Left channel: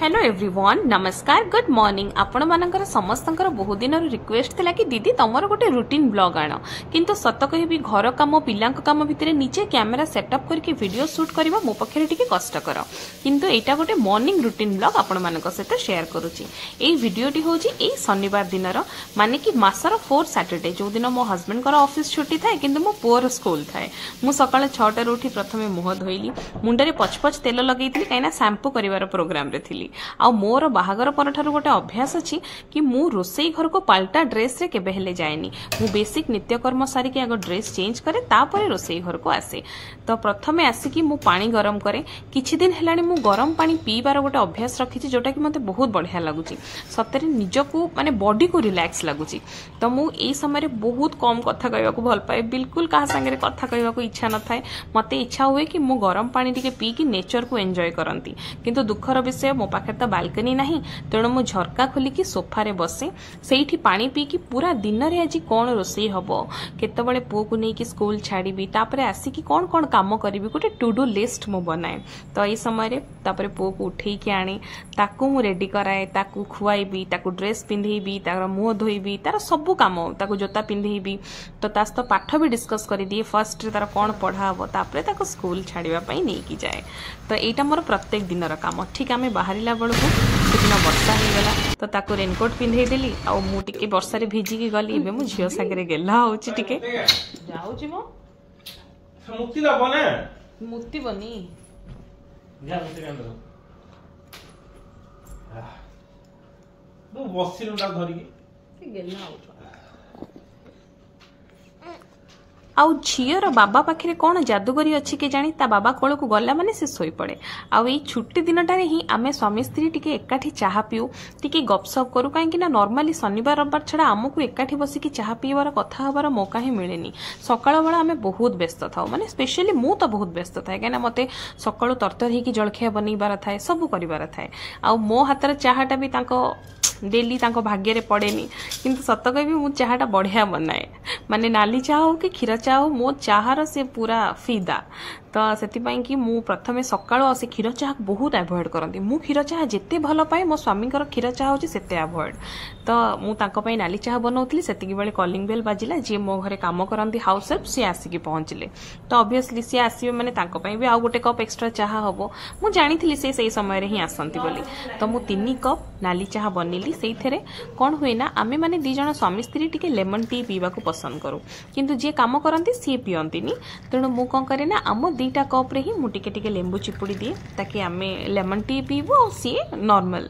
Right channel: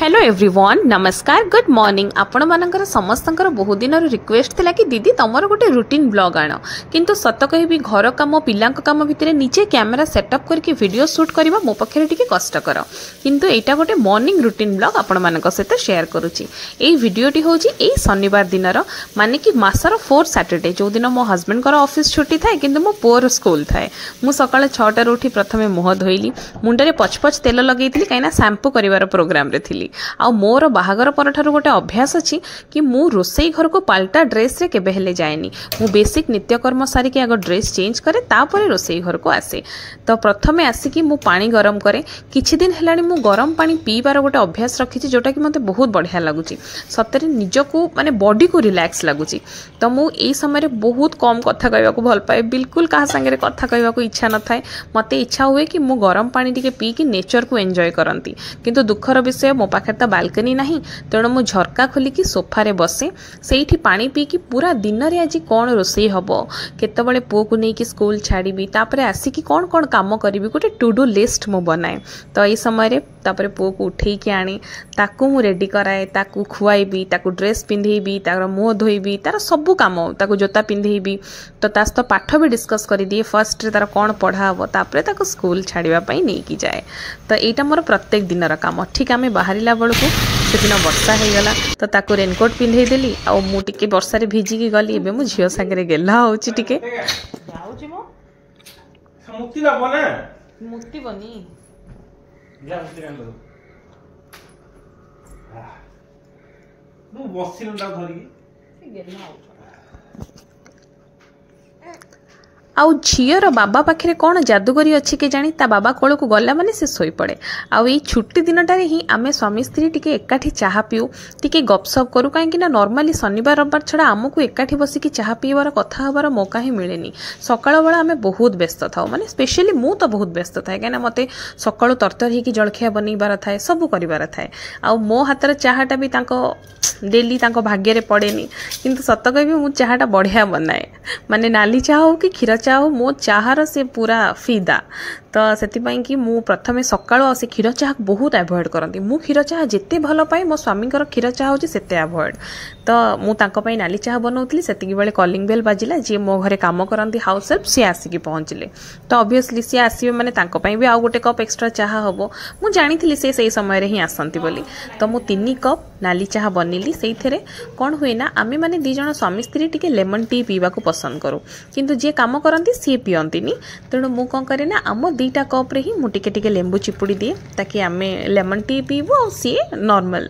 Hello everyone नमस्कार good morning आपण मानकर समस्तंकर बहुत दिन रिक्वेस्ट थिला कि दीदी तमर गोटे रूटीन ब्लॉग आण किंतु सत कहबी घर काम पिलांक काम भितर निजे कैमेरा सेटअप करके वीडियो शूट करबा मो पखरे टिके कष्टकर किंतु एटा गोटे मॉर्निंग रूटीन ब्लॉग आपण मानक सहित शेयर करूची। एई वीडियोटी होची एई शनिवार दिनर माने कि मासर 4 सैटरडे जो दिन मो हस्बैंड कर ऑफिस छुट्टी थाए किंतु मो पुअर स्कूल थाए। मु सकाळ 6टा उठी प्रथमे मुह धोइली मुंडरे पचपच तेल लगेइतिली काइना शैम्पू करिवार प्रोग्राम रे थिली। आ मोर बाहागर परठारु गोटे अभ्यास अछि कि मु रोसई घर को पाल्टा ड्रेस रे केबे हेले जाएनी। मु बेसिक नित्यकर्म सारी के आगो ड्रेस चेंज करे तापरे रोसई घर को आसे। तो प्रथमे आसी कि मु पानी गरम करे किछि दिन हेलानी मु गरम पानी पीबार गोटे अभ्यास रखिछि जोटा कि मते बहुत बढ़िया लागुछि। सतरे निजको माने बॉडी को रिलैक्स लागुछि। तो मु एई समय रे बहुत कम कथा कहबा को भल पाए बिल्कुल कहा संगे कथा कहबा को इच्छा न थाए। मते इच्छा हुए कि मु गरम पानी टिके पी कि नेचर को एन्जॉय करंती किंतु दुखर विषय मो पाखे त बालकनी नाही तेणु मु झरका खोलिकी सोफा रे बसे सेठी पानी पी कि पूरा दिन रे आज कोन रोसई हबो केतबळे पुओ को नै कि स्कूल छाड़ीबी तापरे आसी कि कोन कोन काम करिवि गोटे टू डू लिस्ट मु बनाए। तो एई समय रे तापरे पुओ को उठेई कि आनी ताकू मु रेडी कराए ताकू खुआईबी ताकू ड्रेस पिंधेबी तार मुंह धोईबी तार सब काम ताकू जोता पिंधेबी तो तास तो पाठ भी डिस्कस करि दिए फर्स्ट रे तार कोन पढ़ा हबो तापरे ताकू स्कूल छाड़ीबा पई नै कि जाए। तो एटा मोर प्रत्येक दिनर काम। ठीक आमे बाहरिला बळकू सेदिन वर्षा हो गला तो ताकू रेनकोट पिंधे देली आ मु टिके वर्षा रे भिजिकी गली एबे मु झियो सागरे गेला होची टिके जाउची मो मुक्ति लाबो ना मुक्ति बनी जा मुक्ति कांदो दो बसिनु ता धरिकी गेला हो आउ झीर बाबा पाखे कौन जादूगरी अच्छी के जानी ता बाबा कोल को गला माने से सोई पड़े। आउ ये छुट्टी दिनटारे ही आमे स्वामी स्त्री टिके एकाठी चाहा पिउ टिके गपसप करू कहीं ना नॉर्मली शनिवार रविवार छड़ा आमको एकाठी बसिकी चाहा पीबार कथा हबार मौका ही मिलेनी। सकाळ बेला आमे बहुत व्यस्त थाउ माने स्पेशली मु तो बहुत व्यस्त थाए कहीं मते सकाळु तरतर ही कि जलखिया बनईबार थाए सब करिबार थाए। आउ मो हातर चाहाटा भी तांको डेली तांको भाग्य रे पड़ेनी किंतु सत कहबी मु चाहाटा बढ़िया बनाए माने नाली चाह हो कि क्षीर चाह हो मो चाहार से पूरा फिदा। तो सेतिपाई कि मु प्रथमे सकाळो से क्षीर चाह बहुत अवॉइड करंती। मु क्षीर चाह जेते भल पाए मो स्वामी कर क्षीर चाह होची सेते अवॉइड। तो मु तांको पई नाली चाह बनौतली सेतिकी बेले कॉलिंग बेल बाजिला जे मो घरे काम करंती हाउस हेल्प से आसी कि पहुंचले तो ऑब्वियसली से आसीबे माने तांको पई भी आ गोटे कप एक्स्ट्रा चाह हबो मु जानिथिली से सही समय रे ही आसंती बोली। तो मु 3 कप नाली चाह बनिली सेइथरे कोन हुए ना आमे माने दी जण स्वामी स्त्री टिके लेमन टी पीबा को पसंद करू किंतु जे काम करंती सी पियंतीनी तेणु मु कोन करे ना आम 2टा कप रे ही मु टिके टिके लेंबू चिपुड़ी दिए ताकि आमे लेमन टी पीबो सी नॉर्मल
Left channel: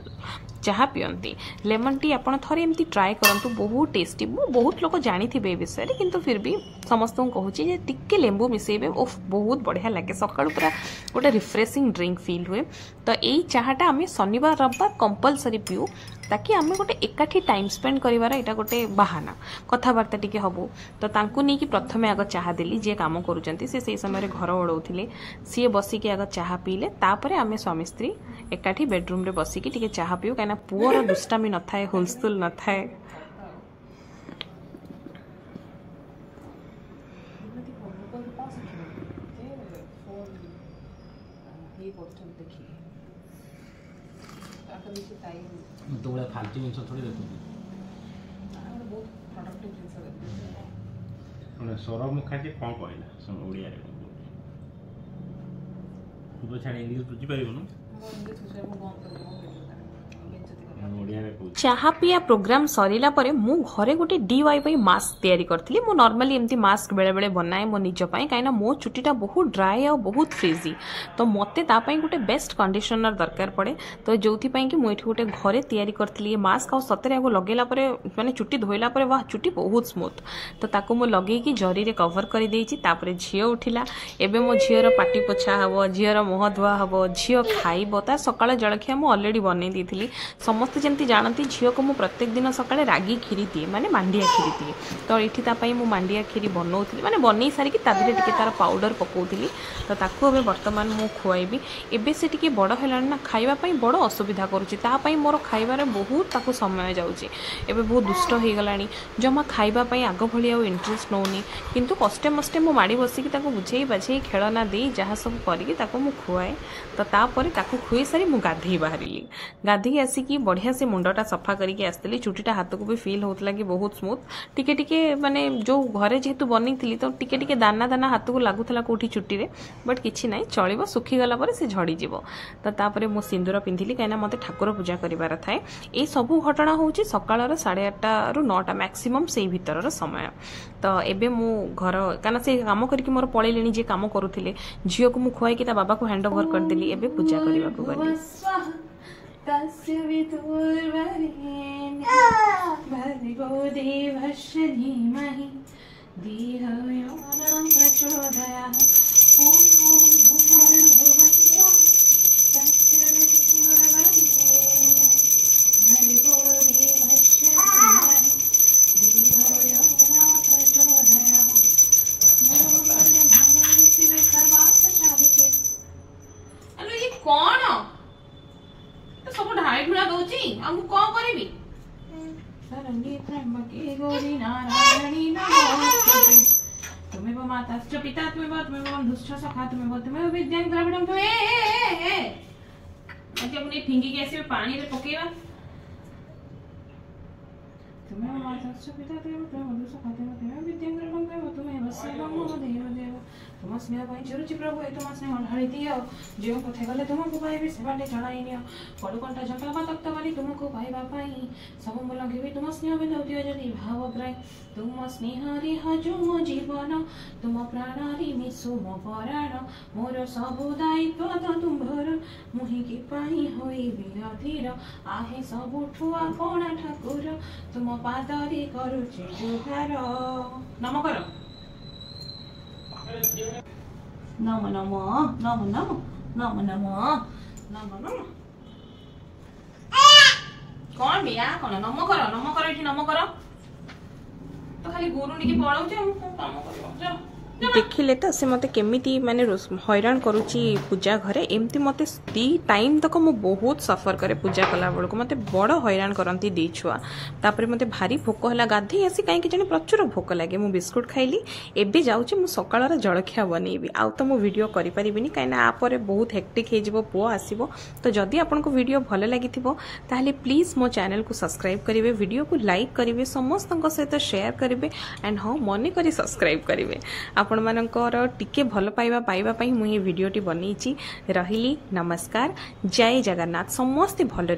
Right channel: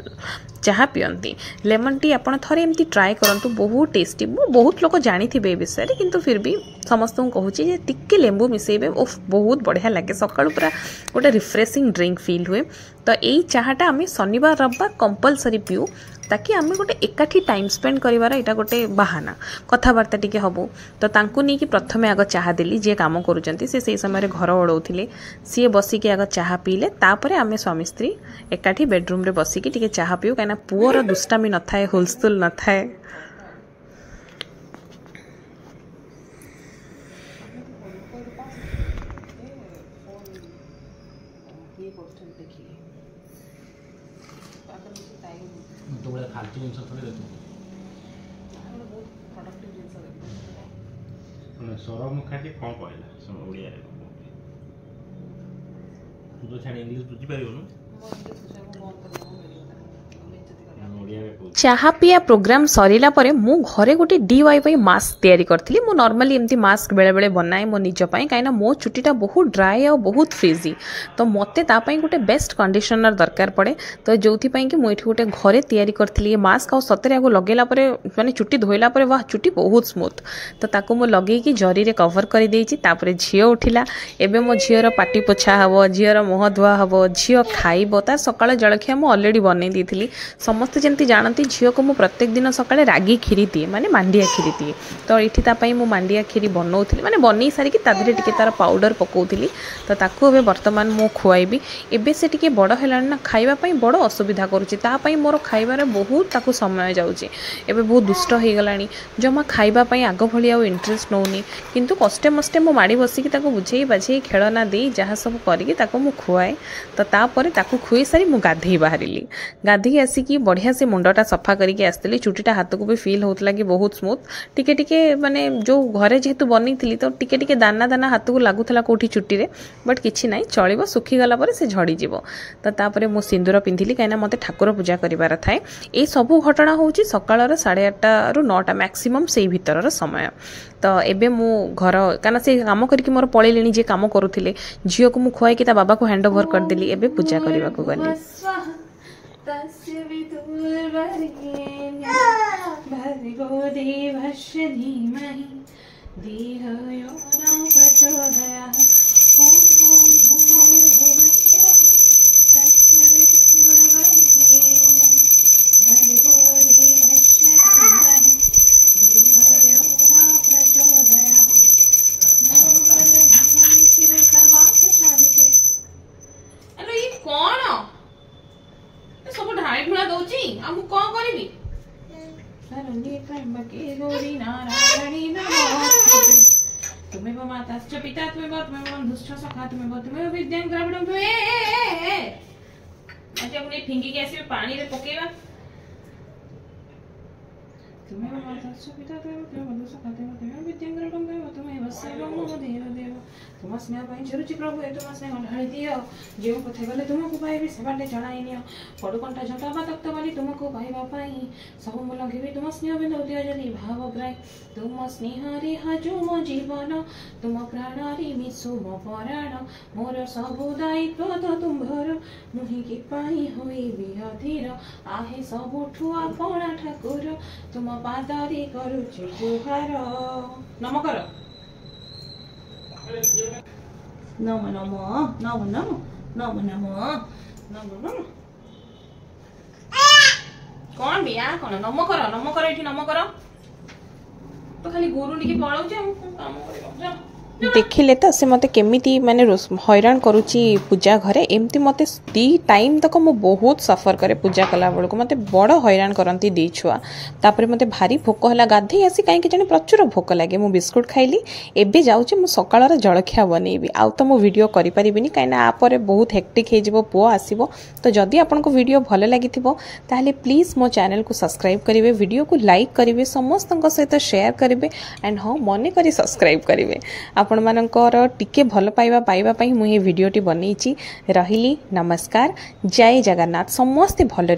चाह पियंती। लेमन टी आपण थरे एमती ट्राई करंतु बहुत टेस्टी। मु बहुत लोक जानी थिबे विषय रे किंतु फिर भी समस्त को कहूची जे टिके लेंबू मिसेबे ओफ बहुत बढ़िया लागे सकाळु पूरा गोटे रिफ्रेशिंग ड्रिंक फील हुए। तो एई चाहाटा आमे शनिवार रविवार कंपलसरी पिउ ताकि आमे गोटे एकाठी टाइम स्पेंड करिवार एटा गोटे बहाना कथाबार्ता टिके हबो। तो तांकु नै कि प्रथमे आग चाहा देली जे काम करूचंती से सही समय रे घर ओडौथिले सी बसी के आग चाहा पीले तापरे आमे स्वामी स्त्री एकाठी बेडरूम रे बसी के टिके चाहा पिउ काना पुअर दुष्टामी न थाए हुलस्तुल न थाए। तो बड़ा फालतू जिन थोड़ी देते बहुत प्रोडक्टिव जिन माने सरम मुखाटी कोन कहला सम ओडिया रे तू तो छाड़ी इंग्लिश बुझी पाइबो न चाहा पिया प्रोग्राम सरीला परे मु घरे गोटे DIY मास्क तैयारी करथिली। मु नॉर्मली एमती मास्क बेले बेले बनाए मो निज पई काइना मो चुटीटा बहुत ड्राई और बहुत फ्रीजी तो मते ता पई गोटे बेस्ट कंडीशनर दरकार पड़े। तो जोथि पई कि मु एठी गोटे घरे तैयारी करथिली मास्क और सतरे आगो लगेला परे माने चुटी धोइला परे वाह चुटी बहुत स्मूथ तो ताको मु लगे कि जरी रे कवर करि देइची। तापरे झियो उठिला एबे मो झियोर पाटी पोछा हबो झियोर मुह धुआ हबो झियो खाइबो ता सकाळ जळखिया मु ऑलरेडी बनै दिथिली। समस्त जेंती जानती झील को मुझे प्रत्येक दिन सकाଳେ रागी खीरी दिए माने मांडिया खीरी दिए। तो ये मु मांडिया खीरी बनाऊली माने बन सारिकी टी तार पाउडर पकाउली। तो ताकू ए बर्तमान मु खुआइबी। एबे से टिके बड़ है ना खाइबापी बड़ असुविधा करुँची मोर खाइबार बहुत ताकू समय जाऊँगी। एबे बहुत दुष्ट हो गलानी जमा खाइबापी आग भली आउ इंटरेस्ट नौनी किंतु कष्टे मस्टे मो माड़ी बसिकी ताकू बुझे बाझे खेलना दे जहाँ सब करिकी ताकू मु खुआए। तो तापर ताकू खुई सारी मु गाधई बाहरिली। गाधई आसिकी बढ़िया से मुंडटा सफा करके आसती चुटीटा हाथ को भी फिल होता कि बहुत स्मूथ टिके टिके माने जो घरे जेहेतु बनी तो टिके टिके दाना दाना हाथ को लगुला कौटी चुटी रे बट किछि नाई चलिबो सुखीगला पर से झड़ी जीवो। तो तापर मु सिंदूर पिंधिली कहीं मते ठाकुर पूजा करिवार थाए। ए सबू घटना होची सकाळर 8:30 रु 9टा मैक्सिमम से भीतर समय। तो एबे मु घर काना से काम करके मोर पळेलेनी जे काम करूथिले झियो को मु खुआई कि ता बाबा को हैंड ओवर कर देली। एबे पूजा करबा को गली कौन सब ढाई ढुला दउची हमु कोन करबी शरण्ये त्र्यंबके गौरी नारायणी नमोस्तुते तुम्हें माताश्च पिता तुम्हें बंधुश्च सखा तुम्हें विद्यां द्रविणं मैं जब ने फिंगी के ऐसे पानी रे पकेवा तुम्हें माताश्च पिता तुम्हें बंधुश्च सखा तुम्हें विद्यां द्रविणं तुम्हें वत्सवं मम देव देव तुम स्नेह चुरुचि प्रभु तुम स्नेह ढाई दियो जो पथे गले तुमको पाइबे से बाटे चढ़ाई नियो पड़ु कंटा झटा तख्त बली तुमको पाइबा पाई सब मु लगे तुम स्नेह बिंदु दियो जदि भाव प्राय तुम स्नेह रे हजु मो जीवन तुम प्राण रे मिसु मो प्राण मोर सब दायित्व तो तुम्भर मुहि की पाई होई बिहधीर आहे सब ठुआ कोणा ठाकुर तुम पाद रे करूछि जुहार नम कर नमो नमो नमो नमो नमो नमो नमो नमो कौन बिया कौन नमो कर एठी नमो कर तो खाली गुरु निकी पळाउ जे काम कर देखिले तो से मते केमिति माने हैरान करूची पूजा घरे एमती मते दी टाइम तक मो बहुत सफर करे पूजा कला बड़ को मते बड़ हैरान करंती दी छुआ। तापर मते भारी भोक हला गाधी आसी काई के जने प्रचुर भोक लागे मु बिस्कुट खाइली। एबे जाउची मु सकाळर जळखिया बनेबी आउ तो मु वीडियो करि परिबिनी काई ना आ परे बहुत हेक्टिक हे जिवो पुओ आसीबो। तो जदी आपन को वीडियो भले लागिथिबो ताहले प्लीज मो चैनल को सब्सक्राइब करिवे वीडियो को लाइक करिवे समस्तन को सहित शेयर करिवे एंड हां मने करी सब्सक्राइब करिवे। आपण मानकर टिके भल पाइबा पई मु ये वीडियोटी बनैछि। रहिली नमस्कार जय जगन्नाथ समस्ते भल।